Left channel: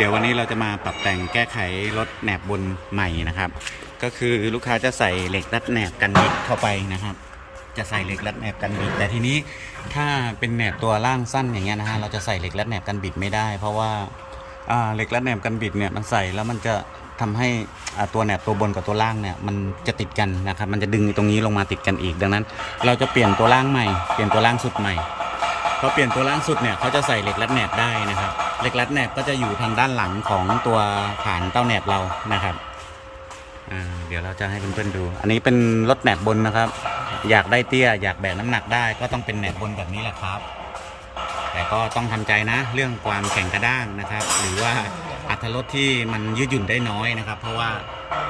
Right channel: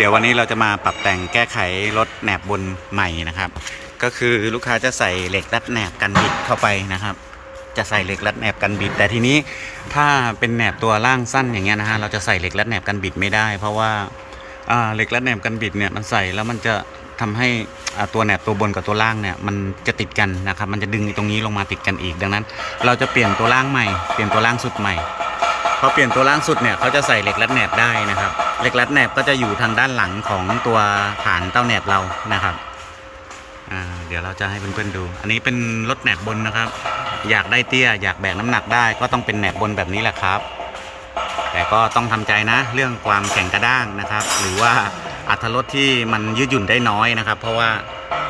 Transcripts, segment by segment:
เดี๋ยววันนี้เราจะมาปรับแต่งแก้ไขรถแหนบบนใหม่นะครับ ก็คือลูกค้าจะใส่เหล็กรัดแหนบกันบิดเข้าไปนะครับ จะใส่เหล็กรัดแหนบกันบิด แต่ทีนี้ถ้าเป็นแหนบตัวล่างสั้นอย่างเงี้ยนะฮะเราจะใส่เหล็กรัดแหนบกันบิดไม่ได้ เพราะว่าอ่าเหล็กรัดแหนบกันบิดเนี่ยมันใส่แล้วมันจะทำให้ตัวแหนบตัวบนกับตัวล่างเนี่ยมันจะติดกันนะครับมันจะดึงตรงนี้ลงมาติดกันอีกดังนั้น เราจะเปลี่ยนตัวล่างใหม่เปลี่ยนตัวล่างสุดใหม่ พอเปลี่ยนตัวล่างสุดเนี่ยเขาจะใส่เหล็กรัดแหนบได้นะครับเหล็กรัดแหนบก็จะอยู่ทางด้านหลังของตัวฐานเต้าแหนบเรานะครับเดี๋ยวเราจะให้เพื่อนๆดู อันนี้เป็นรถแหนบบนนะครับ อยากได้เตี้ยอยากแบกน้ำหนักได้ก็ต้องเป็นแหนบบนแบบนี้แหละครับ แต่ก็ต้องทำใจนะ เรื่องความแข็งกระด้างนะครับ หรือว่าอัตรถรสที่มันยืดหยุ่นได้น้อยนะครับ เพราะว่า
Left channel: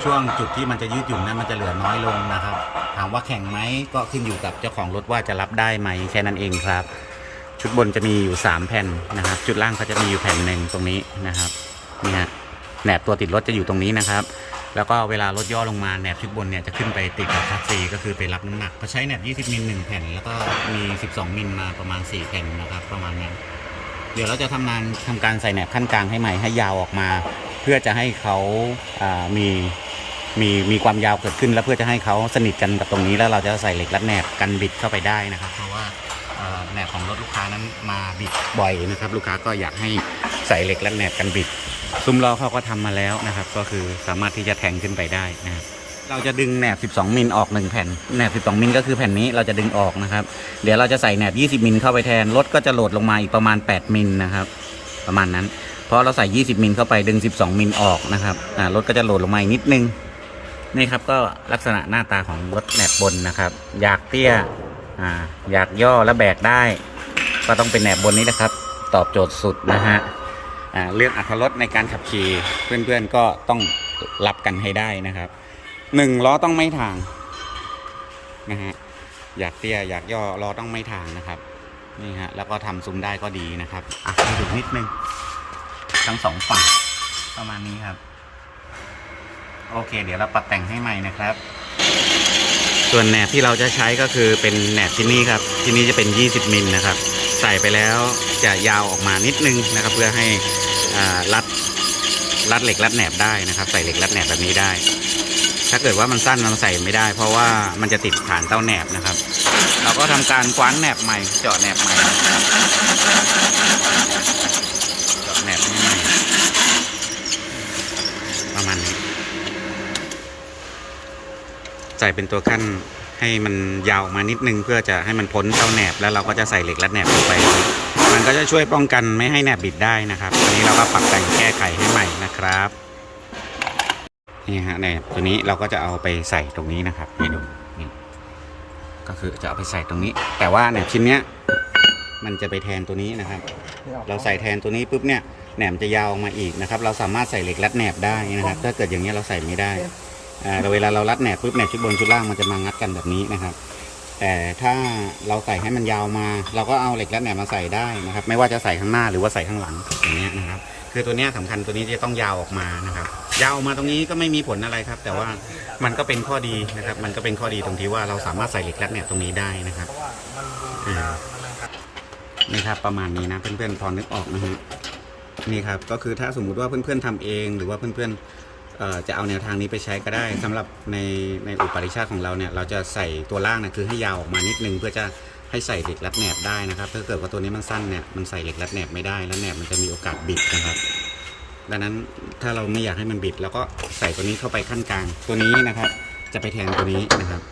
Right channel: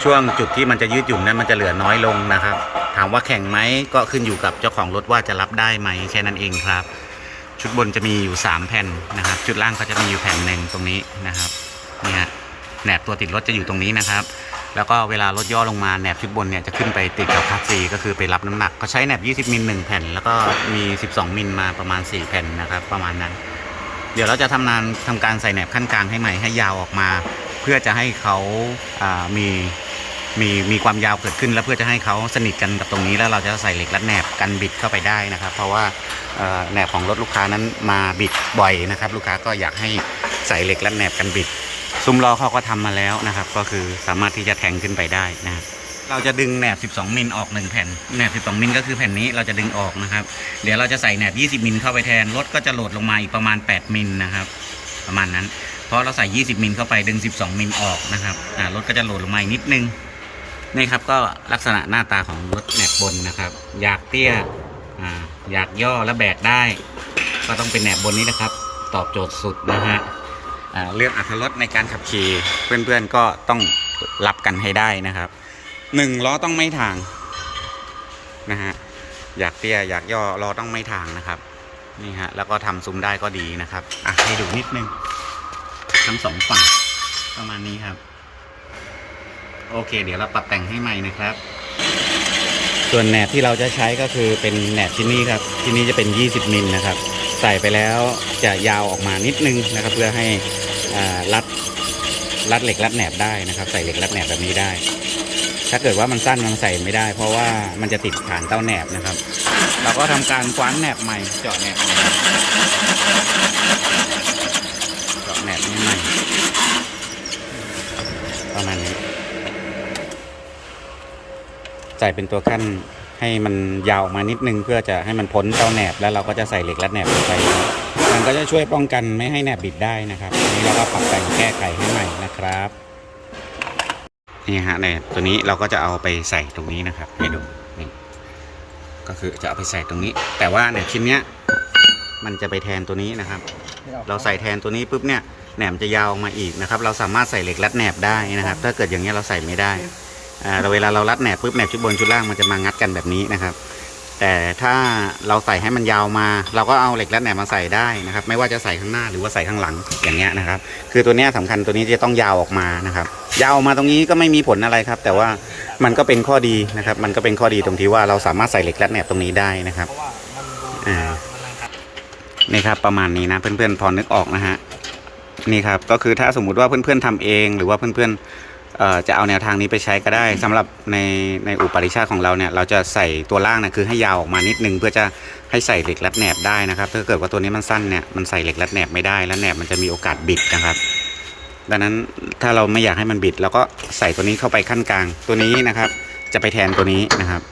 ช่วงจุดที่มันจะยืดหยุ่นนั้นมันจะเหลือน้อยลงนะครับ ถามว่าแข็งไหมก็ขึ้นอยู่กับเจ้าของรถว่าจะรับได้ไหมแค่นั้นเองครับ ชุดบนจะมีอยู่ 3 แผ่นนะครับ ชุดล่างเขาจะมีอยู่แผ่นหนึ่งตรงนี้นะครับนี่ฮะแหนบตัวติดรถจะอยู่ตรงนี้นะครับ แล้วก็เวลารถย่อลงมาแหนบชุดบนเนี่ยจะขึ้นไปติดกับคาซีก็คือไปรับน้ำหนัก ก็ใช้แหนบ 20 มิล1แผ่น แล้วก็มี 12 มิลมาประมาณ 4 แผ่นนะครับประมาณนั้น เดี๋ยวเราจะทำงานทำการใส่แหนบขั้นกลางให้ใหม่ให้ยาวออกมา เพื่อจะให้เขาามีมีมีความยาวเกิดขึ้น แล้วเพื่อจะให้เขาสนิทกันกับตรงนี้แล้วเราจะใส่เหล็กรัดแหนบกันบิดเข้าไปได้นะครับ เพราะว่า แหนบของรถลูกค้านั้นมาบิดบ่อยนะครับ ลูกค้าก็อยากให้ใส่เหล็กรัดแหนบกันบิด ซุ้มล้อเขาก็ทำมาแล้วนะครับ ก็คือสามารถที่จะแทงขึ้นไปได้นะครับเราจะดึงแหนบ 12 มิลออก 1 แผ่น แหนบ 12 มิลก็คือแผ่นนี้เราจะดึงออกนะครับ เดี๋ยวเราจะใส่แหนบ 20 มิลเข้าไปแทน รถก็จะโหลดลงมาอีกประมาณ 8 มิลนะครับ ประมาณนั้น เพราะเราใส่ 20 มิลเข้าไปดึง 12 มิลออกนะครับ รถก็จะโหลดลงมาอีกนิดนึง นี่ครับก็ลักษณะหน้าตาของรถแหนบบนนะครับ อยากเตี้ย อ่าอยากย่อและแบกได้ ก็ต้องเป็นแหนบบนนี้นะครับ ตอบโจทย์สุดนะฮะอ่าเรื่องอัตรรสในการขับขี่เพื่อนๆก็ต้องรับกันให้ได้นะครับหนึ่งล้อต้องไม่ทางนะฮะอยากเตี้ยอยากย่อล้อต้องไม่ทางนะครับนี่ฮะแล้วก็ทำซุ้มได้ก็ดีนะครับอะให้ดูนิดนึงทั้งสองฝั่งประมาณนี้ครับ โอเค เดี๋ยวเราปรับแต่งให้ใหม่นะครับ ส่วนแหนบที่เราจะใช้ก็คือเป็นแหนบที่นี่ครับที่นี่จะเป็น 20 มิลนะครับ ใส่ไปแล้วจะยาวออกมานิดนึงนะครับ เพื่อให้รัดรัดเหล็กรัดแหนบได้นะครับ ใส่เหล็กรัดแหนบแบบนี้ได้ ถ้าเกิดว่ามันสั้นมันใส่ไม่ได้ เพราะว่ามันจะติดฐานเต้าแหนบนะครับ เราก็ทำการคว้านแหนบใหม่เจาะแหนบใหม่เจาะแหนบใหม่ประมาณนี้ ใส่เป็นตัวขั้นให้มันยาวออกมานิดนึง เพื่อจะให้มันพ้นเต้าแหนบแล้วเราก็จะใส่เหล็กรัดแหนบลงไป มันก็จะช่วยป้องกันไม่ให้แหนบบิดได้นะครับอันนี้เราก็ปรับแต่งแก้ไขให้ใหม่นะครับนี่ฮะแหนบตัวนี้เราก็จะเอาไปใส่ตรงนี้นะครับให้ดูนี่ก็คือจะเอาไปใส่ตรงนี้ แต่ว่าแหนบชิ้นเนี้ยมันจะไปแทนตัวนี้นะครับ เราใส่แทนตัวนี้ปุ๊บเนี่ยแหนมจะยาวออกมาอีกนะครับ เราสามารถใส่เหล็กรัดแหนบได้นะครับ ถ้าเกิดอย่างนี้ยเราใส่ไม่ได้ อ่าเราเวลาเรารัดแหนบปุ๊บแหนบชุดบนชุดล่างมันจะมางัดกันแบบนี้นะครับ แต่ถ้าเราใส่ให้มันยาวมา เราก็เอาเหล็กรัดแหนบมาใส่ได้นะครับ ไม่ว่าจะใส่ข้างหน้าหรือว่าใส่ข้างหลังอย่างเงี้ยนะครับ คือตัวเนี้ยสำคัญตัวนี้จะต้องยาวออกมานะครับ ยาวออกมาตรงนี้ก็ไม่มีผลอะไรครับ แต่ว่ามันก็เป็นข้อดีนะครับ มันก็เป็นข้อดีตรงที่ว่าเราสามารถใส่เหล็กรัดแหนบตรงนี้ได้นะครับอ่านี่ครับประมาณนี้นะเพื่อนๆพอนึกออกนะฮะนี่ครับก็คือถ้าสมมุติว่าเพื่อนๆทำเองหรือว่าเพื่อนๆ จะเอาแนวทางนี้ไปใช้ก็ได้สำหรับในในอุปริชาของเราเนี่ยเราจะใส่ตัวล่างนะคือให้ยาวออกมานิดนึงเพื่อจะให้ใส่เหล็กรัดแหนบได้นะครับ ถ้าเกิดว่าตัวนี้มันสั้นเนี่ยมันใส่เหล็กรัดแหนบไม่ได้แล้วแหนบมันจะมีโอกาสบิดนะครับ ดังนั้นถ้าเราไม่อยากให้มันบิดเราก็ใส่ตัวนี้เข้าไปขั้นกลางตัวนี้นะครับ จะไปแทนตัวนี้นะครับ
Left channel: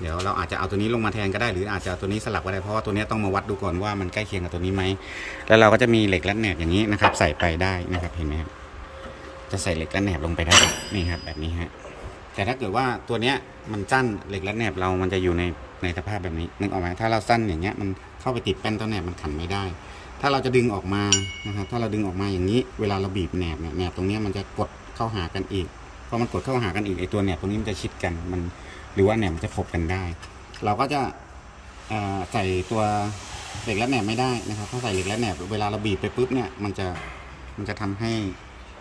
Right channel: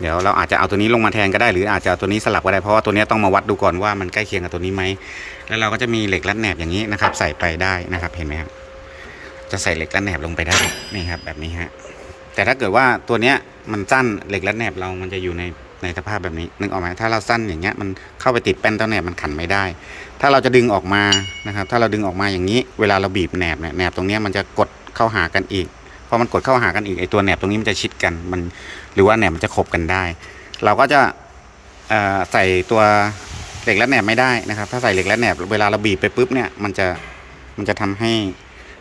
เดี๋ยวเราอาจจะเอาตัวนี้ลงมาแทนก็ได้หรืออาจจะเอาตัวนี้สลับก็ได้เพราะว่าตัวนี้ต้องมาวัดดูก่อนว่ามันใกล้เคียงกับตัวนี้ไหมแล้วเราก็จะมีเหล็กรัดแหนบอย่างนี้นะครับ ใส่ไปได้นะครับเห็นไหมครับ จะใส่เหล็กรัดแหนบลงไปได้นี่ครับแบบนี้ฮะแต่ถ้าเกิดว่าตัวเนี้ยมันสั้นเหล็กรัดแหนบเรามันจะอยู่ในในสภาพแบบนี้นึกออกไหมถ้าเราสั้นอย่างเงี้ยมันเข้าไปติดแป้นเต้าแหนบมันขันไม่ได้ ถ้าเราจะดึงออกมานะครับ ถ้าเราดึงออกมาอย่างนี้ เวลาเราบีบแหนบเนี่ยแหนบตรงเนี้ยมันจะกดเข้าหากันอีกพอมันกดเข้าหากันอีกไอตัวแหนบตรงนี้มันจะชิดกันมัน หรือว่าแหนบมันจะขบกันได้ เราก็จะใส่ตัวเหล็กรัดแหนบไม่ได้นะครับ ถ้าใส่เหล็กรัดแหนบเวลาเราบีบไปปุ๊บเนี่ยมันจะมันจะทำให้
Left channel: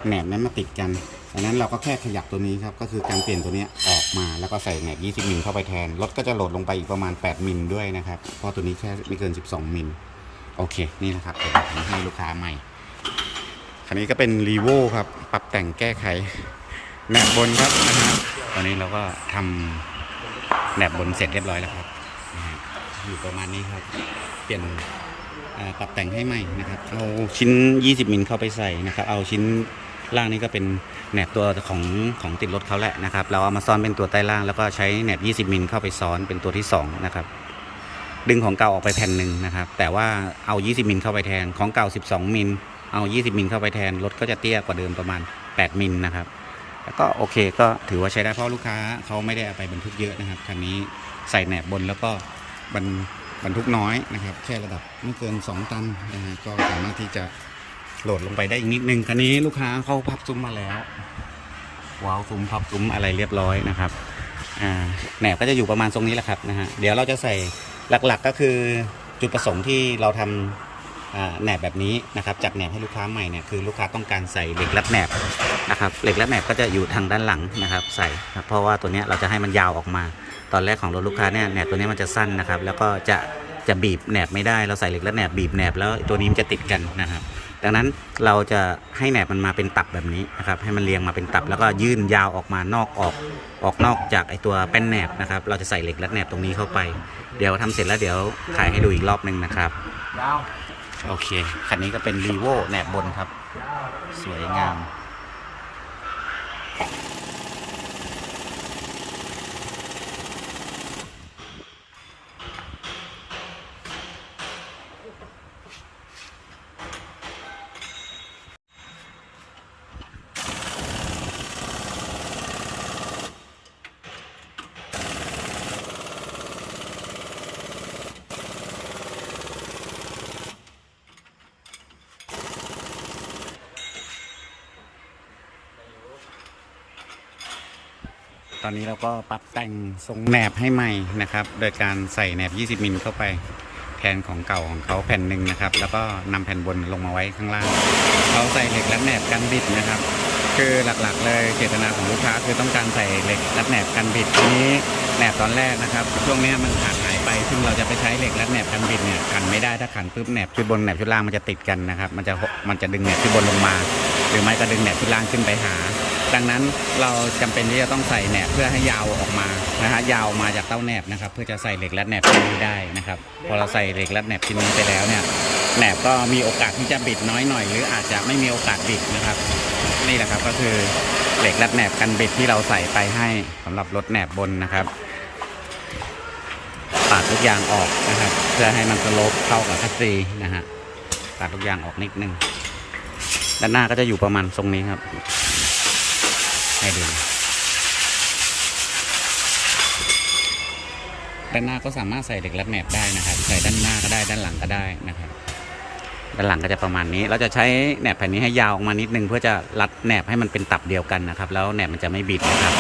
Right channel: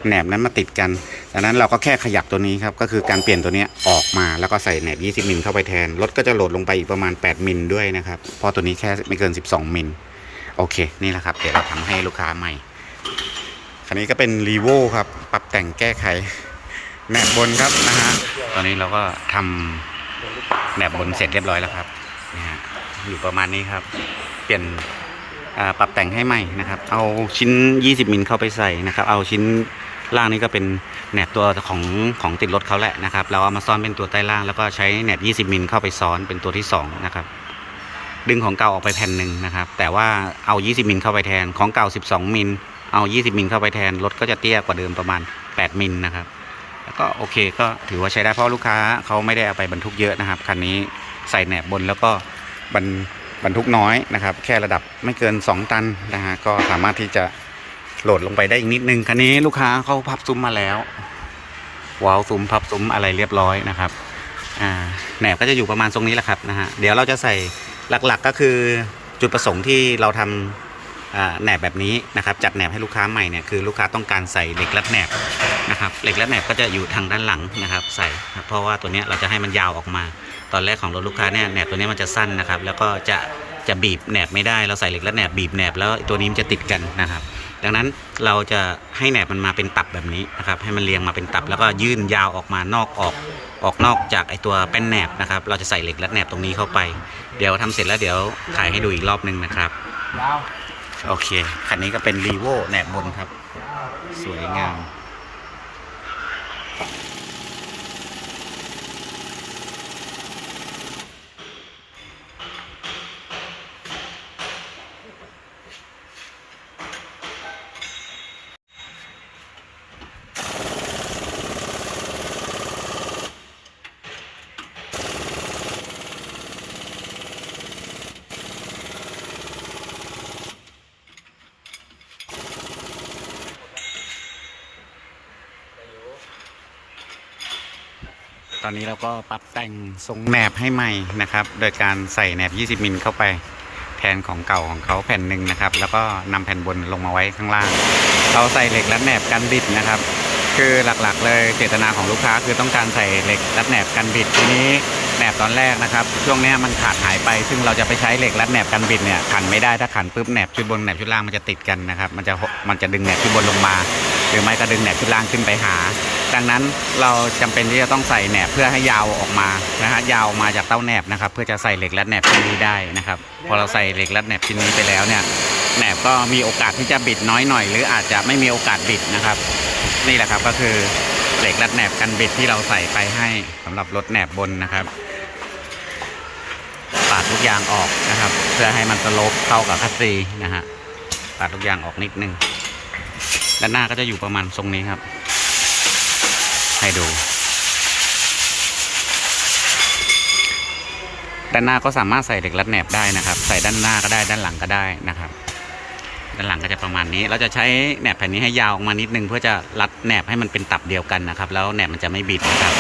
แหนบนั้นมาติดกันดังนั้นเราก็แค่ขยับตัวนี้ครับ ก็คือการเปลี่ยนตัวนี้ออกมาแล้วก็ใส่แหนบ 20 มิลเข้าไปแทน รถก็จะโหลดลงไปอีกประมาณ 8 มิลด้วยนะครับ เพราะตัวนี้แค่ไม่เกิน 12 มิล โอเค นี่แหละครับ เดี๋ยวเราทำให้ลูกค้าใหม่ คันนี้ก็เป็นรีโวครับ ปรับแต่งแก้ไข แหนบบนครับนะฮะ ตอนนี้เราก็ทำแหนบบนเสร็จเรียบร้อยแล้วครับนี่ฮะ อยู่ประมาณนี้ครับ เปลี่ยนปรับแต่งให้ใหม่นะครับ เอาชิ้น 20 มิลเข้าไปใส่นะครับ เอาชิ้น ล่างนี้ก็เป็นแหนบตัวของของติดรถเขาแหละนะครับ เราเอามาซ้อนเป็นตัวใต้ล่างแล้วก็ใช้แหนบ 20มิลเข้าไปซ้อนเป็นตัวที่สองนะครับดึงของเก่าออกไปแผ่นหนึ่งนะครับ แต่ว่าเอา 20มิลเข้าไปแทนของเก่า 12มิลเอา 20มิลเข้าไปแทนรถก็จะเตี้ยกว่าเดิมประมาณ 8มิลนะครับ แล้วก็โอเคก็ถือว่าใช้ได้เพราะลูกค้าเขาไม่ได้เอาไปบรรทุกเยอะนะครับคันนี้ใส่แหนบบนแล้วก็บรรบรรทุกน้อยนะครับ แค่ระดับไม่เกิน 2 ตันนะฮะก็สามารถที่จะ โหลดลงไปได้อีกนิดนึงคันนี้ลูกค้าเขาพับซุ้มมาแล้ววาวซุ้มพับซุ้มอะไรเรียบร้อยนะครับอ่าแหนบก็จะอยู่ประมาณตรงนี้แหละครับนะฮะเดี๋ยวเราจะใส่หลักๆก็คือจุดประสงค์ที่เราทำอ่าแหนบแบบนี้นะครับจัดแหนบให้ลูกค้าใหม่เนี่ยคือลูกค้าต้องการใส่เหล็กรัดแหนบนะครับเหล็กรัดแหนบก็จะอยู่ทางด้านหลังนะครับใส่เพราะว่าตัวเนี้ยเราจะให้มันยาวออกมา ตอนแรกของรถลูกค้าเนี่ยแหนบตัวเนี้ยมันจะสั้นนะครับแล้วก็จะจะบีบแหนบไม่ได้เราใส่เหล็กรัดแหนบบีบแหนบแล้วตัวนี้มันจะติดกันนะครับ ดังนั้นเราจะให้แหนบมันมาเป็นตับแบบนี้นะครับ ให้มันเรียงมาเป็นตับแล้วก็ยื่นยาวออกมานอกออกออกนอกจากไอตัวแป้นแหนบนะครับ เราจะใส่เหล็กรัดแหนบตรงนี้เข้าไป เดี๋ยวทำเสร็จแล้วเดี๋ยวถ่ายให้ดูอีกรอบหนึ่งนะครับยาวโอเคคันนี้ก็เป็นรีโวแหนบบนครับ สวยงาม ตอนนี้เราก็ปรับแต่งทรงแหนบให้ใหม่นะครับ โดยการใส่แหนบ 20 มิลเข้าไปแทนของเก่าของเขาแผ่นหนึ่งนะครับ แล้วก็นำแผ่นบนลงมาไว้ข้างล่างเราใส่เหล็กรัดแหนบกันบิดนะครับ คือหลักๆ เลยเจตนาของลูกค้าคือต้องการใส่เหล็กรัดแหนบกันบิดทีนี้แหนบตอนแรกนะครับ ช่วงนี้มันขาดหายไป ซึ่งเราจะไปใช้เหล็กรัดแหนบกันบิดเนี่ยขันไม่ได้ถ้าขันปุ๊บแหนบชุดบนแหนบชุดล่างมันจะติดกันนะครับ มันจะมันจะดึงแหนบชุดบนลงมา หรือไม่ก็ดึงแหนบชุดล่างขึ้นไปหา ดังนั้นเราจำเป็นที่จะต้องใส่แหนบเพื่อให้ยาวออกมานะฮะยาวมาจากเต้าแหนบนะครับ เพื่อจะใส่เหล็กรัดแหนบชิ้นนี้ได้นะครับ พอเราใส่เหล็กรัดแหนบชิ้นนี้ไปแล้วเนี่ยแหนบก็มีโอกาสที่จะบิดน้อยหน่อย หรืออาจจะไม่มีโอกาสบิดนะครับ นี่แหละครับก็คือเหล็กรัดแหนบกันบิดที่เราใส่ไปให้สำหรับรถแหนบบนนะครับปาดทุกอยางออกนะครับ เพื่อให้มันสโลปเข้ากับคัสซีนะฮะปาดทุกอยางออกนิดนึง ด้านหน้าก็จะอยู่ประมาณทรงนี้ครับ ให้ดู ด้านหน้าก็สามารถใส่เหล็กรัดแหนบได้นะครับ ใส่ด้านหน้าก็ได้ด้านหลังก็ได้นะครับ ด้านหลังก็จะประมาณนี้ เราจะใช้แหนบแผ่นนี้ให้ยาวออกมานิดนึง เพื่อจะรัดแหนบให้มันเป็นตับเดียวกันนะครับ แล้วแหนบมันจะไม่บิดนะครับ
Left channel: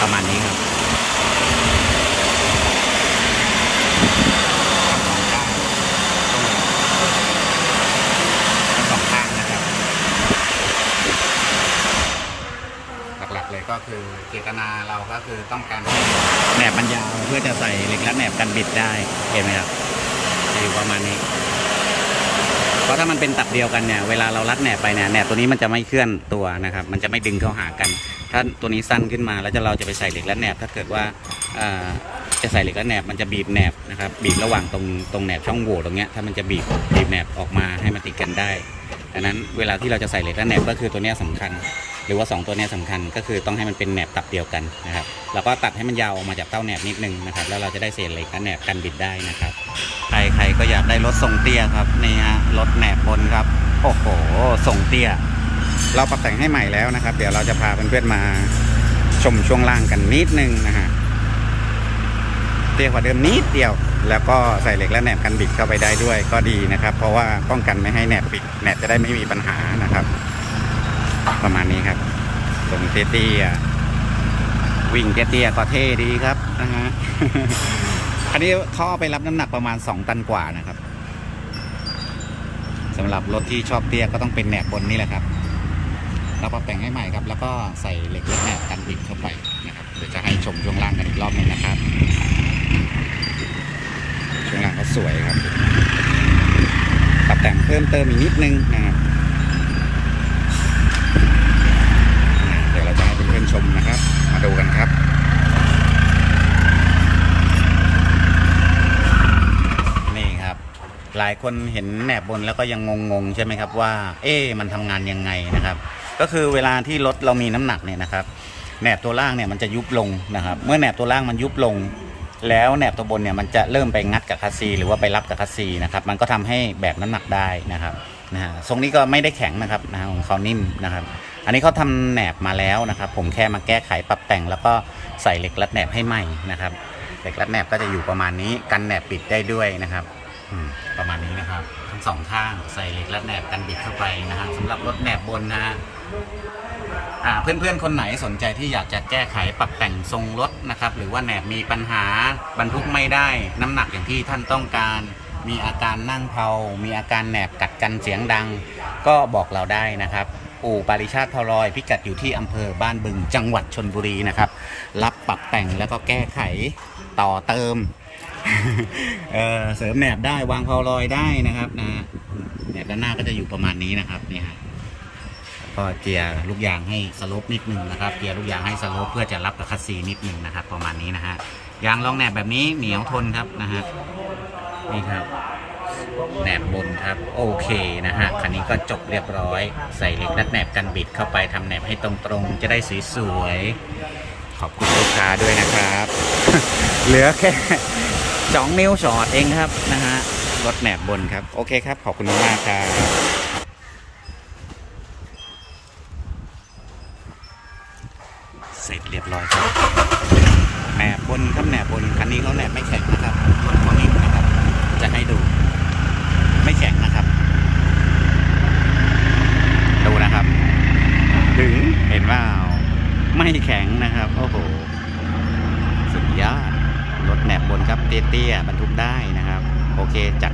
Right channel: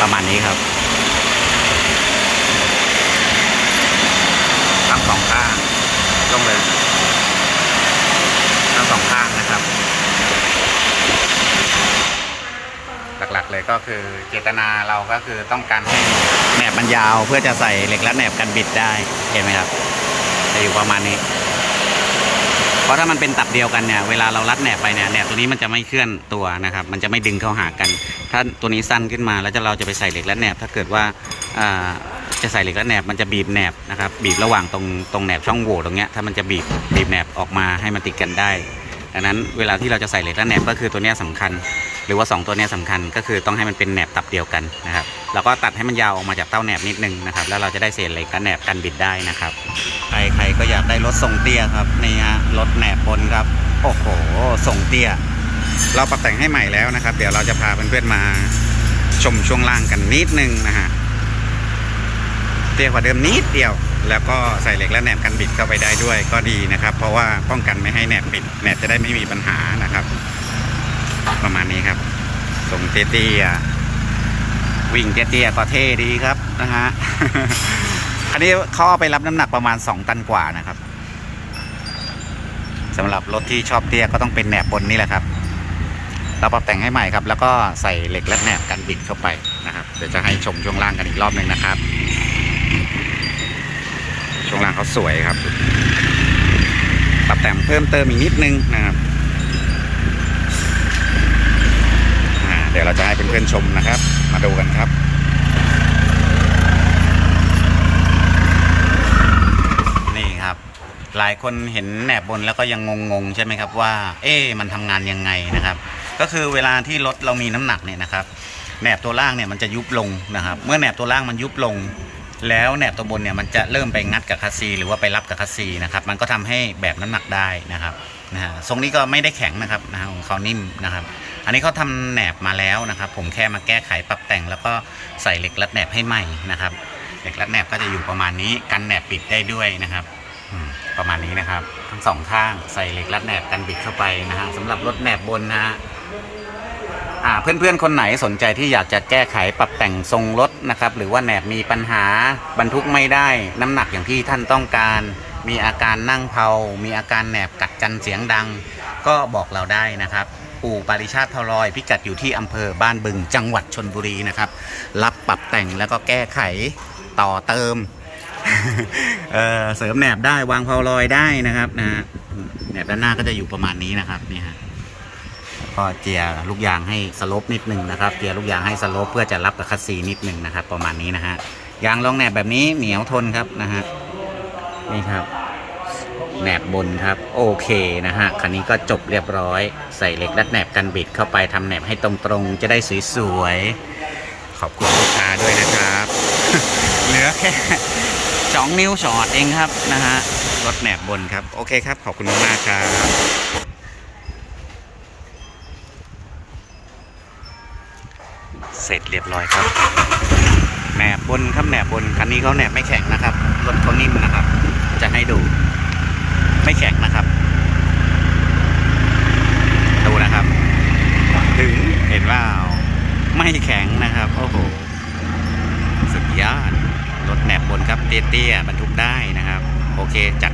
ประมาณนี้ครับทั้งสองข้างลงเลยทั้งสองข้างนะครับ หลักๆ เลยก็คือเจตนาเราก็คือต้องการให้แหนบมันยาวเพื่อจะใส่เหล็กและแหนบกันบิดได้เห็นไหมครับจะอยู่ประมาณนี้ เพราะถ้ามันเป็นตับเดียวกันเนี่ยเวลาเรารัดแหนบไปเนี่ยแหนบตัวนี้มันจะไม่เคลื่อนตัวนะครับ มันจะไม่ดึงเข้าหากัน ถ้าตัวนี้สั้นขึ้นมาแล้วจะเราจะไปใส่เหล็กและแหนบ ถ้าเกิดว่าจะใส่เหล็กและแหนบมันจะบีบแหนบนะครับบีบระหว่างตรงตรงแหนบช่องโหว่ตรงเนี้ยถ้ามันจะบีบบีบแหนบออกมาให้มันติดกันได้ ดังนั้นเวลาที่เราจะใส่เหล็กและแหนบก็คือตัวนี้ยสำคัญ หรือว่า 2 ตัวนี้ยสำคัญก็คือต้องให้มันเป็นแหนบตับเดียวกันนะครับแล้วก็ตัดให้มันยาวออกมาจากเต้าแหนบนิดนึงนะครับแล้วเราจะได้เศษเหล็กและแหนบกันบิดได้นะครับใครใครก็อยากได้รถทรงเตี้ยครับนี่ฮะรถแหนบบนครับโอ้โหทรงเตี้ย เราปรับแต่งให้ใหม่แล้วนะครับ เดี๋ยวเราจะพาเพื่อนๆมาชมช่วงล่างกันนิดนึงนะฮะเตี้ยกว่าเดิมนิดเดียว แล้วก็ใส่เหล็กและแหนบกันบิดเข้าไปได้ด้วยก็ดีนะครับ เพราะว่าป้องกันไม่ให้แหนบบิดแหนบจะได้ไม่มีปัญหานะครับ ประมาณนี้ครับทรงเจตี้วิ่งเจตี้ก็เท่ดีครับนะฮะคันนี้เขาเอาไปรับน้ำหนักประมาณ 2 ตันกว่านะครับสำหรับรถที่ชอบเตี้ยก็ต้องเป็นแหนบบนนี่แหละครับ เราปรับแต่งให้ใหม่ครับ แล้วก็ใส่เหล็กและแหนบกันบิดเข้าไปนะครับ เดี๋ยวจะให้ชมช่วงล่างกันอีกรอบหนึ่งนะครับ ช่วงล่างเขาสวยครับปรับแต่งเพิ่มเติมอีกนิดนึงนะครับเดี๋ยวเราจะให้เพื่อนๆชมนะครับ มาดูกันครับนี่ครับหลายคนเห็นแหนบบนแล้วก็ยังงงๆใช่ไหมครับว่า เอ๊มันทำงานยังไงนะครับ ก็คือเวลาที่รถเรามีน้ำหนักเนี่ยนะครับแหนบตัวล่างเนี่ยมันจะยุบลงนะครับ เมื่อแหนบตัวล่างมันยุบลง แล้วแหนบตัวบนเนี่ยมันจะเริ่มไปงัดกับคัสซีหรือว่าไปรับกับคัสซีนะครับมันก็ทำให้แบบน้ำหนักได้นะครับนะฮะทรงนี้ก็ไม่ได้แข็งนะครับนะฮะของเขานิ่มนะครับ อันนี้เขาทำแหนบมาแล้วนะครับ ผมแค่มาแก้ไขปรับแต่ง แล้วก็ใส่เหล็กรัดแหนบให้ใหม่นะครับเหล็กรัดแหนบก็จะอยู่ประมาณนี้กันแหนบปิดได้ด้วยนะครับประมาณนี้นะครับทั้งสองข้างใส่เหล็กรัดแหนบกันบิดเข้าไปนะฮะสำหรับรถแหนบบนนะฮะ อ่าเพื่อนๆคนไหนสนใจที่อยากจะแก้ไขปรับแต่งทรงรถนะครับ หรือว่าแหนบมีปัญหาบรรทุกไม่ได้ น้ำหนักอย่างที่ท่านต้องการ มีอาการนั่งเพามีอาการแหนบกัดกันเสียงดัง ก็บอกเราได้นะครับอู่ปาริชาติทรอย พิกัดอยู่ที่อำเภอบ้านบึงจังหวัดชนบุรีนะครับ รับปรับแต่งแล้วก็แก้ไขต่อเติมเเสริมแหนบได้วางเพาลอยได้นะครับนะแหนบด้านหน้าก็จะอยู่ประมาณนี้นะครับนี่ฮะ ก็เจียลูกยางให้สลปนิดนึงนะครับเจียลูกยางให้สลปเพื่อจะรับกับคัสซีนิดนึงนะครับ ประมาณนี้นะฮะยางรองแหนบแบบนี้เหนียวทนครับนะฮะนี่ครับแหนบบนครับโอเคนะฮะคันนี้ก็จบเรียบร้อยใส่เหล็กรัดแหนบกันบิดเข้าไปทำแหนบให้ตรงๆ จะได้สวยๆขอบคุณลูกค้าด้วยนะครับ เหลือแค่สองนิ้วช็อตเองครับนะฮะรถแหนบบนครับ โอเคครับ ขอบคุณมากๆครับ สร็จเรียบร้อยครับแหนบบนครับแหนบบนคันนี้เขาแหนบไม่แข็งนะครับรถเขานิ่มนะครับ จะให้ดู ไม่แข็งนะครับ ดูนะครับ ถึงเห็นว่าไม่แข็งนะครับโอ้โหสุดยอดรถแหนบบนครับเตี้ยๆบรรทุกได้นะครับ โอเคจัด